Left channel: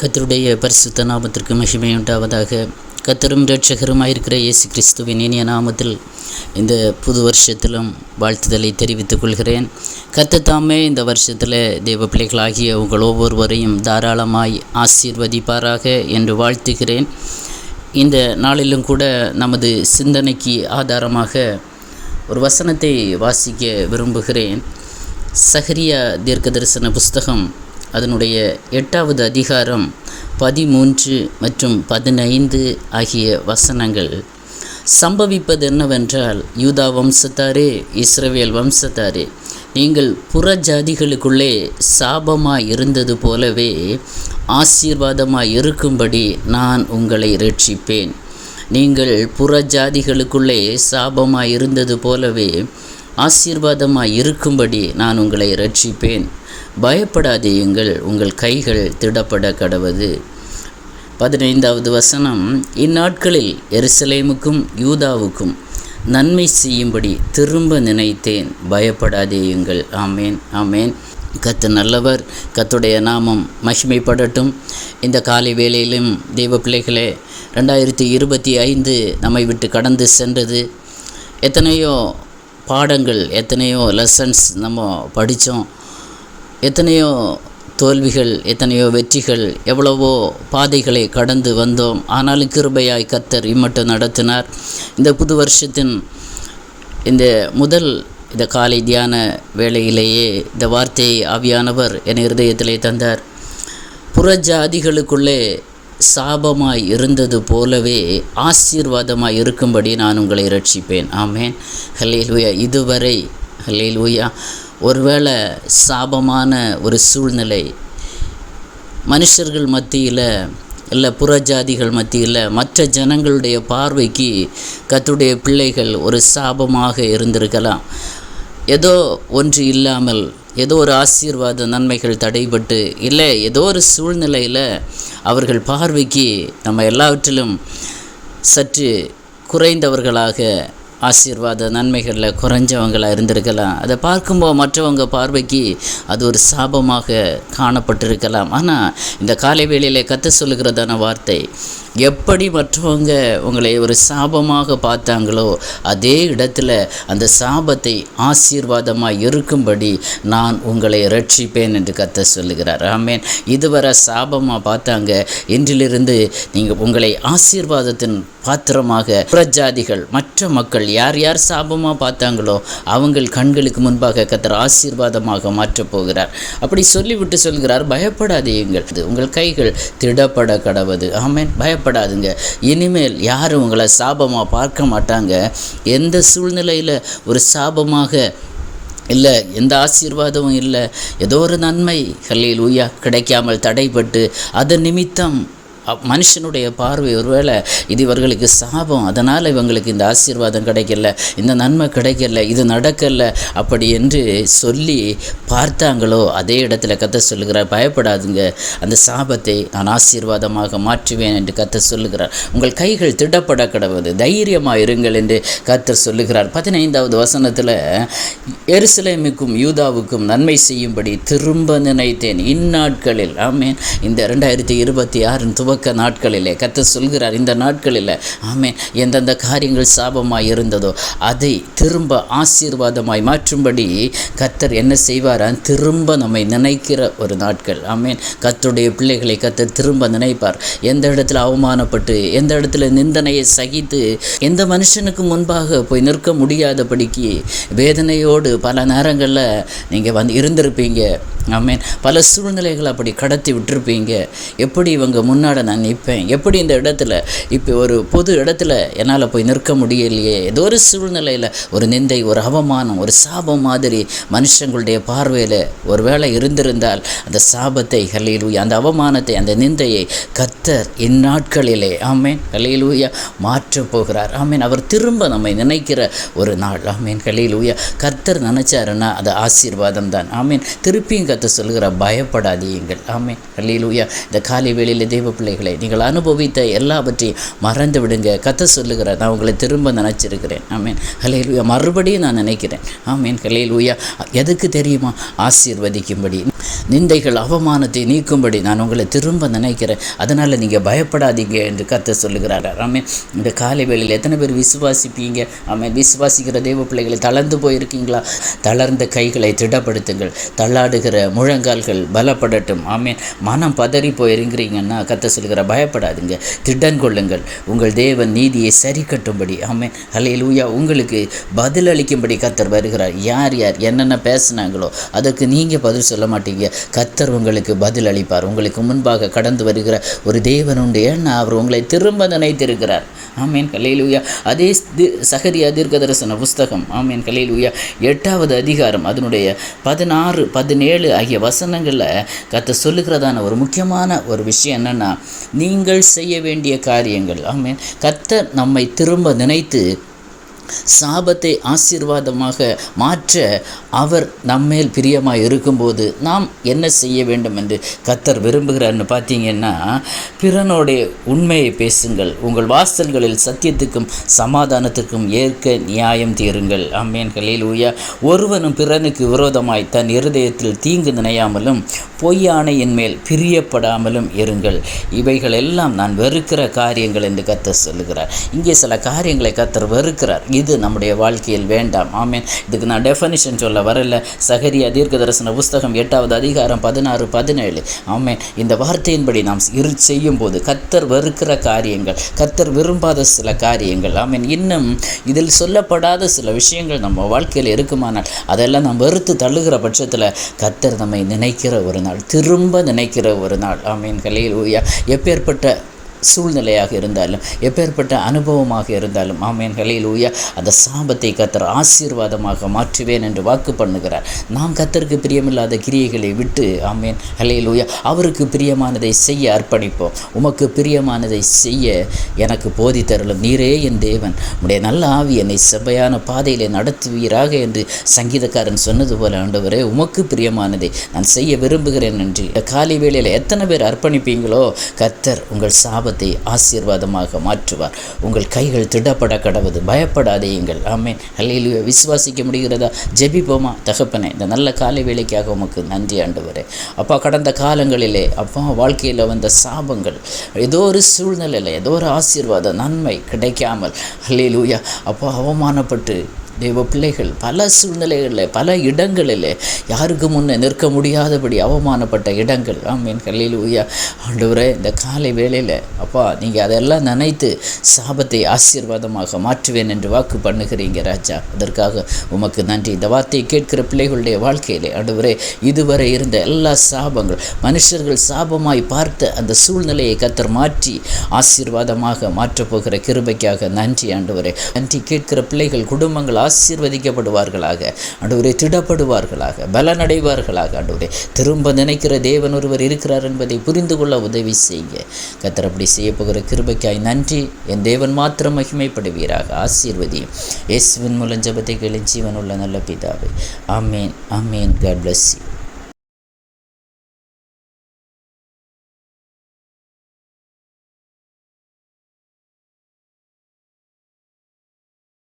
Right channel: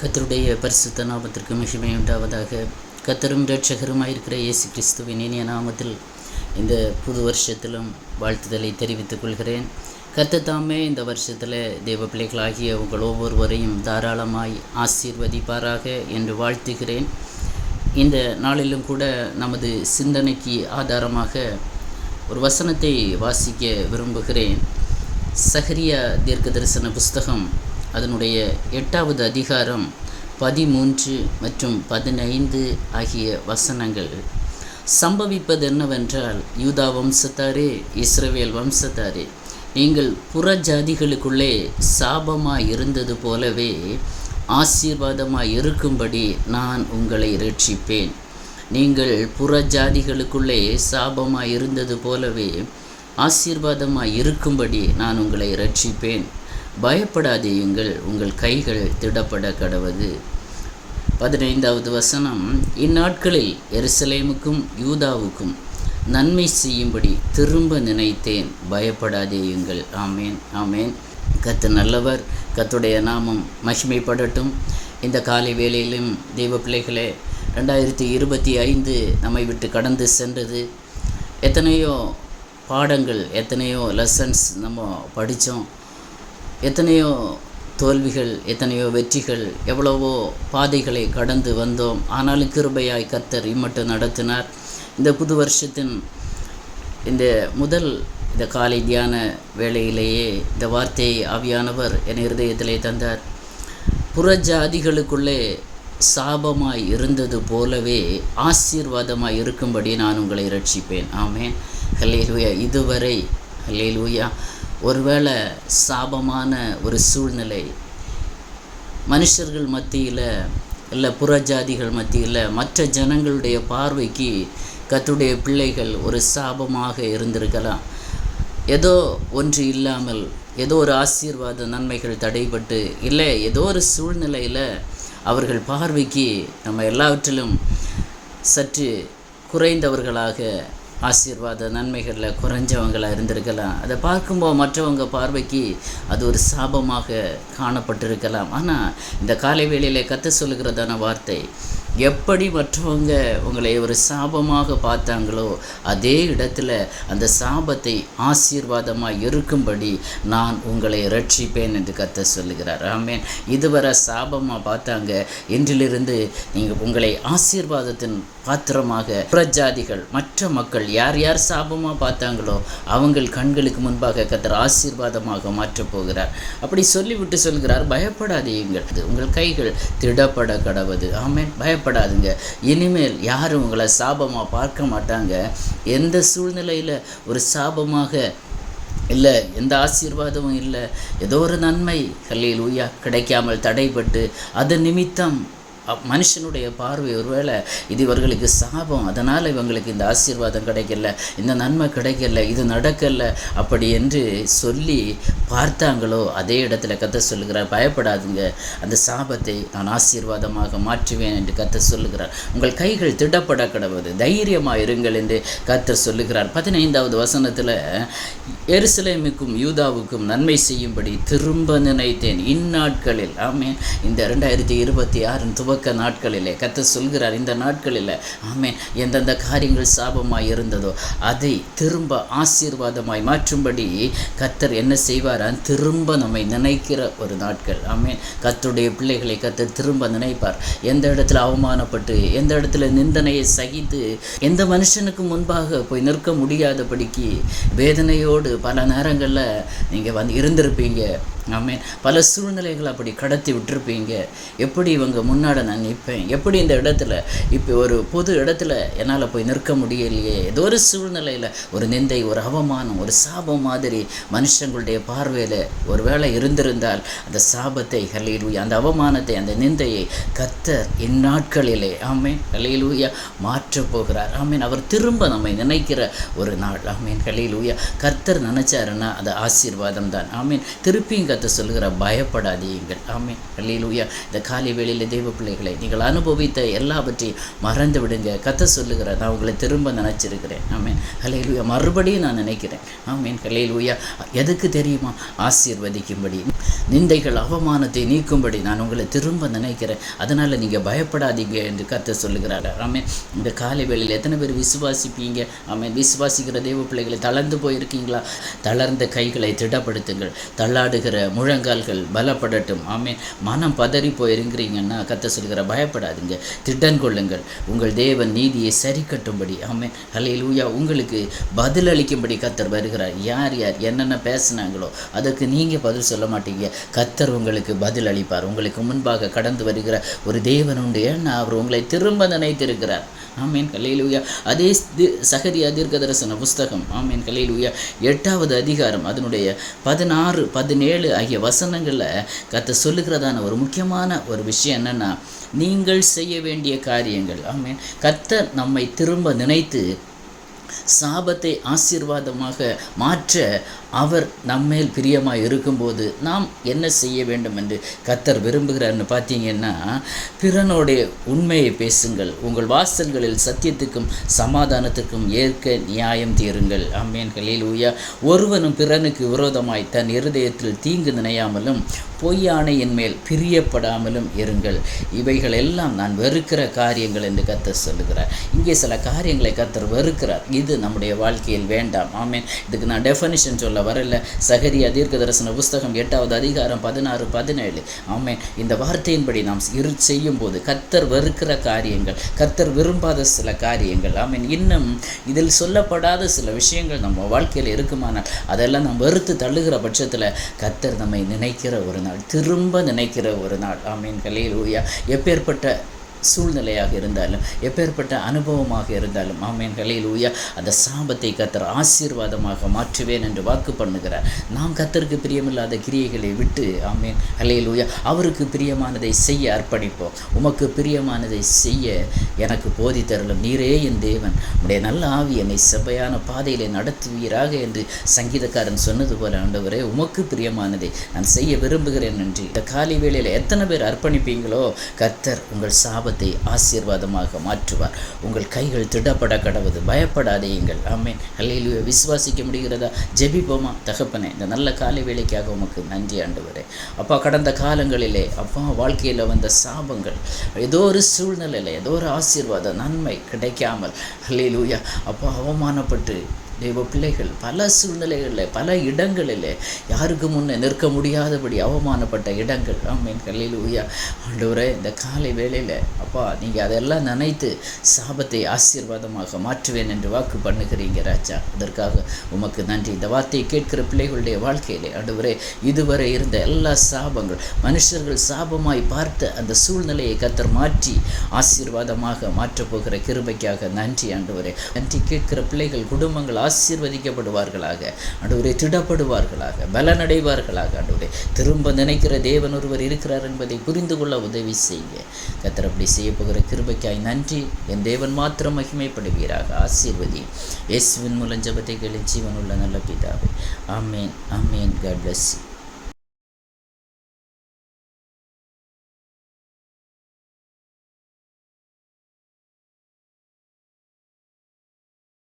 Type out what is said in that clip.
கர்த்தருடைய பரிசுத்த நாமத்திற்கு மகிமையுண்டாவதாக. கர்த்தரும் இரட்சகருமாயிருக்கிற இயேசு கிறிஸ்துவின் இனிய நாமத்தில் இந்த புது வருஷத்திலும் வாழ்த்துதலை தெரிவித்துக் கொள்கிறேன். கர்த்தர் தாமே இந்த வருஷத்தில் தேவ பிள்ளைகளாகிய உங்கள் ஒவ்வொருவரையும் தாராளமாய் ஆசீர்வதிப்பாராக என்று வாழ்த்துகிறேன். இந்த நாளிலும் கூட நமது சிந்தனைக்கு ஆதாரமாக ஒரு வசனத்தை வாசிக்க விரும்புகிறேன். சகரியா தீர்க்க தரிசன புஸ்தகம் அதனுடைய 8வது அதிகாரம் 13 மற்றும் 15 ஆகிய வசனங்கள். சம்பவிப்பது என்னவென்றால், யூதா வம்சத்தாரே, இஸ்ரவேல் வம்சத்தாரே, நீங்கள் புற ஜாதிகளுக்குள்ளே சாபமாய் இருந்தது போலவே ஆசீர்வாதமாய் இருக்கும்படி நான் உங்களை இரட்சிப்பேன். நீங்கள் புற ஜாதிகளுக்குள்ளே சாபமாய் இருந்தது போலவே ஆசீர்வாதமாய் இருக்கும்படி நான் உங்களை இரட்சிப்பேன். பயப்படாதேயுங்கள், உங்கள் கைகள் திடப்பட கடவது. 15வது வசனம். இந்நாட்களில் எருசலேமுக்கும் யூதாவுக்கும் நன்மை செய்யும்படி திரும்ப நினைத்தேன், பயப்படாதேயுங்கள். ஆமேன், ஆமேன். கர்த்தர் நல்லவர், கர்த்தருடைய நாமம் மகிமைப்படட்டும். இந்த காலை வேளையிலும் தெய்வ பிள்ளைகளே, 2025 நம்மை விட்டு கடந்து சென்றது. எத்தனையோ பாடங்கள், எத்தனையோ லெசன்ஸ் நம்ம படித்தோம். எத்தனையோ தோல்விகள், எத்தனையோ வெற்றிகள், எவ்வளவோ பாதைகளை கடந்து வந்தோம். ஆனாலும் கிருபையாய் கர்த்தர் இம்மட்டும் நடத்தினார். இந்த புது வருஷத்தின் இந்த காலை தியான வேளையிலேயே இந்த வார்த்தையை ஆவியானவர் என் இருதயத்திலே தந்தார். புறஜாதிகளுக்குள்ளே சாபமாய் இருந்தது போலவே ஆசீர்வாதமாய் இருக்கும்படி நான் உங்களை இரட்சிப்பேன். ஆமேன், ஹல்லேலூயா. இதுவரை ஹல்லேலூயா, ஒருவேளை சாபமான ஒரு சூழ்நிலை மனுஷர்கள் மத்தியில், இல்லை புறஜாதிகள் மத்தியில், மற்ற ஜனங்களுடைய பார்வைக்கு கர்த்தருடைய பிள்ளைகள் ஒரு சாபமாக இருந்திருக்கலாம். ஏதோ ஒன்று இல்லாமல், ஏதோ ஒரு ஆசீர்வாத நன்மைகள் தடைபட்டு, இல்லை ஏதோ ஒரு சூழ்நிலையில் அவர்கள் பார்வைக்கு நம்ம எல்லாவற்றிலும் சற்று குறைந்தவர்களாக, ஆசீர்வாத நன்மைகளில் குறைஞ்சவங்களாக இருந்திருக்கலாம். அதை பார்க்கும்போது மற்றவங்க பார்வைக்கு அது ஒரு சாபமாக காணப்பட்டிருக்கலாம். ஆனால் இந்த காலை வேளையிலே கர்த்தர் சொல்லுகிறதான வார்த்தை, எப்படி மற்றவங்க உங்களை ஒரு சாபமாக பார்த்தாங்களோ அதே இடத்துல அந்த சாபத்தை ஆசீர்வாதமாக இருக்கும்படி நான் உங்களை இரட்சிப்பேன் என்று கர்த்தர் சொல்லுகிறார். ஆமேன். இதுவரை சாபமாக பார்த்தாங்க, இன்றிலிருந்து நீங்கள் உங்களை ஆசீர்வாதத்தின் பாத்திரமாக புறஜாதிகள், மற்ற மக்கள் யார் யார் சாபமாக பார்த்தாங்களோ அவங்கள் கண்களுக்கு முன்பாக கர்த்தர் ஆசீர்வாதமாக மாற்றப் போகிறார். அப்படி சொல்லிவிட்டு சொல்கிறார், பயப்படாதீங்கள், உங்கள் கைகள் திடப்பட கடவது. ஆமேன். பயப்படாதுங்க. இனிமேல் யாரும் உங்களை சாபமாக பார்க்க மாட்டாங்க. எந்த சூழ்நிலையில் ஒரு சாபமாக இல்லை, எந்த ஆசீர்வாதமும் இல்லை, ஏதோ ஒரு நன்மை ஹல்லேலூயா கிடைக்காமல் தடைப்பட்டு அதன் நிமித்தம் மனுஷனுடைய பார்வை ஒருவேளை இது இவர்களுக்கு சாபம், அதனால் இவங்களுக்கு இந்த ஆசீர்வாதம் கிடைக்கல, இந்த நன்மை கிடைக்கல, இது நடக்கலை அப்படி என்று சொல்லி பார்த்தாங்களோ அதே இடத்துல கர்த்தர் சொல்லுகிறார், பயப்படாதுங்க, அந்த சாபத்தை நான் ஆசீர்வாதமாக மாற்றுவேன் என்று கர்த்தர் சொல்லுகிறார். உங்கள் கைகள் திடப்பட கடவது, தைரியமாக இருங்கள் என்று கர்த்தர் சொல்லுகிறார். 15வது வசனத்தில், எருசலேமுக்கும் யூதாவுக்கும் நன்மை செய்யும்படி திரும்ப நினைத்தேன் இந்நாட்களில். ஆமேன். இந்த 2026 நாட்களிலே கர்த்தர் சொல்கிறார், இந்த நாட்களில் ஆமேன், எந்தெந்த காரியங்கள் சாபமாய் இருந்ததோ அதை திரும்ப ஆசீர்வாதமாய் மாற்றும்படி கர்த்தர் என்ன செய்வாரான், திரும்ப நம்மை நினைக்கிற ஒரு நாட்கள். ஆமேன். கர்த்தருடைய பிள்ளைகளை கர்த்தர் திரும்ப நினைப்பார். எந்த இடத்துல அவமானப்பட்டு, எந்த இடத்துல நிந்தனையை சகித்து, எந்த மனுஷனுக்கு முன்பாக போய் நிற்க முடியாதபடிக்கு வேதனையோடு பல நேரங்களில் நீங்கள் இருந்திருப்பீங்க. ஆமேன். பல சூழ்நிலைகள் அப்படி கடத்தி விட்டுருப்பீங்க. எப்படி இவங்க முன்னாடி நான் நிற்பேன், எப்படி இந்த இடத்துல இப்போ ஒரு பொது இடத்துல என்னால் போய் நிற்க முடியலையே, ஏதோ ஒரு சூழ்நிலையில் ஒரு நிந்தை, ஒரு அவமானம், ஒரு சாபம் மாதிரி மனுஷங்களுடைய பார்வையில் ஒரு வேளை இருந்திருந்தால் அந்த சாபத்தை ஹல்லேலூயா, அந்த அவமானத்தை, அந்த நிந்தையை கர்த்தர் இந்நாட்களிலே ஆமேன் ஹல்லேலூயா மாற்றப் போகிறார். ஆமேன். அவர் திரும்ப நம்மை நினைக்கிற ஒரு நாள். ஆமேன் ஹல்லேலூயா. கர்த்தர் நினைச்சாருன்னா அது ஆசீர்வாதம் தான். ஆமேன். திருப்பியும் கர்த்தர் சொல்கிறார், பயப்படாதீங்கள். ஆமென். அல்லேலூயா. இந்த காலை வேளையில் தேவ பிள்ளைகளை, நீங்கள் அனுபவித்த எல்லாவற்றையும் மறந்து விடுங்க. கர்த்தர் சொல்லுகிறார், நான் உங்களை திரும்ப நினச்சிருக்கிறேன். ஆமென். அல்லேலூயா. மறுபடியும் நான் நினைக்கிறேன். ஆமென். அல்லேலூயா. எதுக்கு தெரியுமா? ஆசீர்வதிக்கும்படி, நிந்தைகள் அவமானத்தை நீக்கும்படி நான் உங்களை திரும்ப நினைக்கிறேன். அதனால் நீங்கள் பயப்படாதீங்க என்று கர்த்தர் சொல்லுகிறார். ஆமென். இந்த காலை வேளையில் எத்தனை பேர் விசுவாசிப்பீங்க? ஆமென். விசுவாசிக்கிற தேவ பிள்ளைகளை, தளர்ந்து போயிருக்கீங்களா? தளர்ந்த கைகளை திடப்படுத்துங்கள். தள்ளாடுகிற முழங்கால்கள் பலப்படட்டும். ஆமென். மனம் பதறி போயிருக்கிறீங்கன்னா கர்த்தர் சொல்கிற, பயப்படாதுங்க, திடன் கொள்ளுங்கள். உங்கள் தேவன் நீதியை சரி கட்டும்படி, ஆமென், அல்லேலூயா, உங்களுக்கு பதில் அளிக்கும்படி கர்த்தர் வருகிறார். யார் யார் என்னென்ன பேசினாங்களோ அதற்கு நீங்கள் பதில் சொல்ல மாட்டீங்க. கர்த்தர் உங்களுக்கு பதில் அளிப்பார். உங்களுக்கு முன்பாக கடந்து வருகிற ஒரு தேவன் உண்டு. ஏன்னா அவர் உங்களை திரும்ப நினைத்திருக்கிறார். ஆமென். அல்லேலூயா. அதே சகரியா தீர்க்கதரிசன புஸ்தகம், ஆமென், அல்லேலூயா, 8வது அதிகாரம் அதனுடைய 16, 17 ஆகிய வசனங்களில் கர்த்தர் சொல்லுகிறதான ஒரு முக்கியமான ஒரு விஷயம் என்னென்னா, நீங்கள் செய்ய வேண்டிய காரியங்கள். ஆமென். கர்த்தர் நம்மை திரும்ப நினைத்து சாபத்தை ஆசீர்வாதமாக மாற்ற அவர் நம்மேல் பிரியமாக இருக்கும்போது நாம் என்ன செய்ய வேண்டும் என்று கர்த்தர் விரும்புகிறார்னு பார்த்தீங்கன்னா, பிறனுடைய உண்மையை பேசுங்கள், உங்கள் வாசல்களில் சத்தியத்துக்கும் சமாதானத்துக்கும் ஏற்க நியாயம் தீருங்கள். ஆமென். அல்லேலூயா. ஒருவனும் பிறனுக்கு விரோதமாய் தன் இருதயத்தில் தீங்கு நினையாமலும் பொய்யானையின் மேல் பிரியப்படாமலும் இருங்கள். இவைகள் எல்லாம் நான் வெறுக்கிற காரியங்கள் என்று கர்த்தர் சொல்லுகிறார். இங்கே சில காரியங்களை கர்த்தர் வெறுக்கிறார். இது நம்முடைய வாழ்க்கையில் வேண்டாம். ஆமென். இதுக்கு நான் டெஃபனிஷன் சொல்ல வரல. சகரியா தீர்க்கதரிசன புஸ்தகம் 8வது அதிகாரம் 16, 17. ஆமென். இந்த வார்த்தையின்படி நாம் செய்யும் போது கர்த்தர் வெறுக்கிற காரியங்கள், கர்த்தர் விரும்பாத சில காரியங்கள், ஆமென், இன்னும் இதில் சொல்லப்படாத சில விஷயங்கள் நம்ம வாழ்க்கையில் இருக்குமானால் அதெல்லாம் நாம் வெறுத்து தள்ளுகிற பட்சத்தில் கர்த்தர் நம்மை நினைக்கிற ஒரு நாள், திரும்ப நினைக்கிற ஒரு நாள். ஆமென். அல்லேலூயா. எப்பேற்பட்ட சூழ்நிலையாக இருந்தாலும், எப்பேற்பட்ட அனுபவமாக இருந்தாலும், ஆமென், அல்லேலூயா, அந்த சாபத்தை கர்த்தர் ஆசீர்வாதமாக மாற்றுவேன் என்று வாக்கு பண்ணுகிறார். நாம் கர்த்தருக்கு பிரியமில்லாத கிரியைகளை விட்டு, ஆமென், அல்லேலூயா, அவருக்கு பிரியமானதை செய்ய அர்ப்பணிப்போம். உமக்கு பிரியமானதை செய்ய எனக்கு போதித்தருளும். நீரே என் தேவன், உடைய நல்ல ஆவி என்னை செவ்வையான பாதையிலே நடத்துவீராக என்று சங்கீதக்காரன் சொன்னது போல, ஆண்டவரே, உமக்கு பிரியமானதை நான் செய்ய விரும்புகிறேன் என்று இந்த காலை வேளையில் எத்தனை பேர் அர்ப்பணிப்பீங்களோ கர்த்தர் உங்கள் சாபத்தை ஆசீர்வாதமாக மாற்றுவார். உங்கள் கைகள் திடப்பட கடவுது. பயப்படாதீங்கள். ஆமென். அல்லேலூயா. விசுவாசிக்க முடிகிறதா? ஜெபிப்போமா? தகப்பனே, இந்த நல்ல காலை வேளைக்காக உமக்கு நன்றி ஆண்டவரே. அப்பா, கடந்த காலங்களிலே அப்பா வாழ்க்கையில் வந்த சாபங்கள், ஏதோ ஒரு சூழ்நிலையில் ஏதோ ஒரு ஆசீர்வாத நன்மை கிடைக்காமல், அல்லேலூயா, அப்பா அவமானப்பட்டு தெய்வ பிள்ளைகள் பல சூழ்நிலைகளில், பல இடங்களில் யாருக்கு முன்னே நிற்க முடியாதபடி அவமானப்பட்ட இடங்கள், ஆமென், அல்லேலூயா, ஆண்டவரே, இந்த காலை வேளையில் அப்பா நீங்கள் அதெல்லாம் நினைத்து சாபத்தை ஆசீர்வாதமாக மாற்றுவேன் என்று வாக்கு பண்ணுகிறீங்க ராஜா. அதற்காக உமக்கு நன்றி. இந்த வார்த்தையை கேட்கிற பிள்ளைகளுடைய வாழ்க்கையிலே ஆண்டவரே, இதுவரை இருந்த எல்லா சாபங்கள், மனுஷர்கள் சாபமாய் பார்த்த அந்த சூழ்நிலையை கர்த்தர் மாற்றி ஆசீர்வாதமாக மாற்றப்போகிற கிருபைக்காக நன்றி ஆண்டவரே. நன்றி. கேட்கிற பிள்ளைகள், குடும்பங்கள் ஆசீர்வதிக்கப்படுவார்களாக ஆண்டவரே, திடப்படுவார்களாக, பலனடைவார்களாக. ஆண்டவரே, திரும்ப நினைக்கிற தேவன் ஒருவர் இருக்கிறார் என்பதை புரிந்து கொள்ள உதவி செய்ய கர்த்தர் அப்படி செய்ய போகிற கிருபைக்காய் நன்றி. என் தேவன் மாத்திரம் மகிமைப்படுவீராக. ஆசீர்வதியும். இயேசுவின் மூலம் ஜெபத்தை கேளும் ஜீவனுள்ள நல்ல பிதாவே. ஆமேன். ஆமேன். God bless you.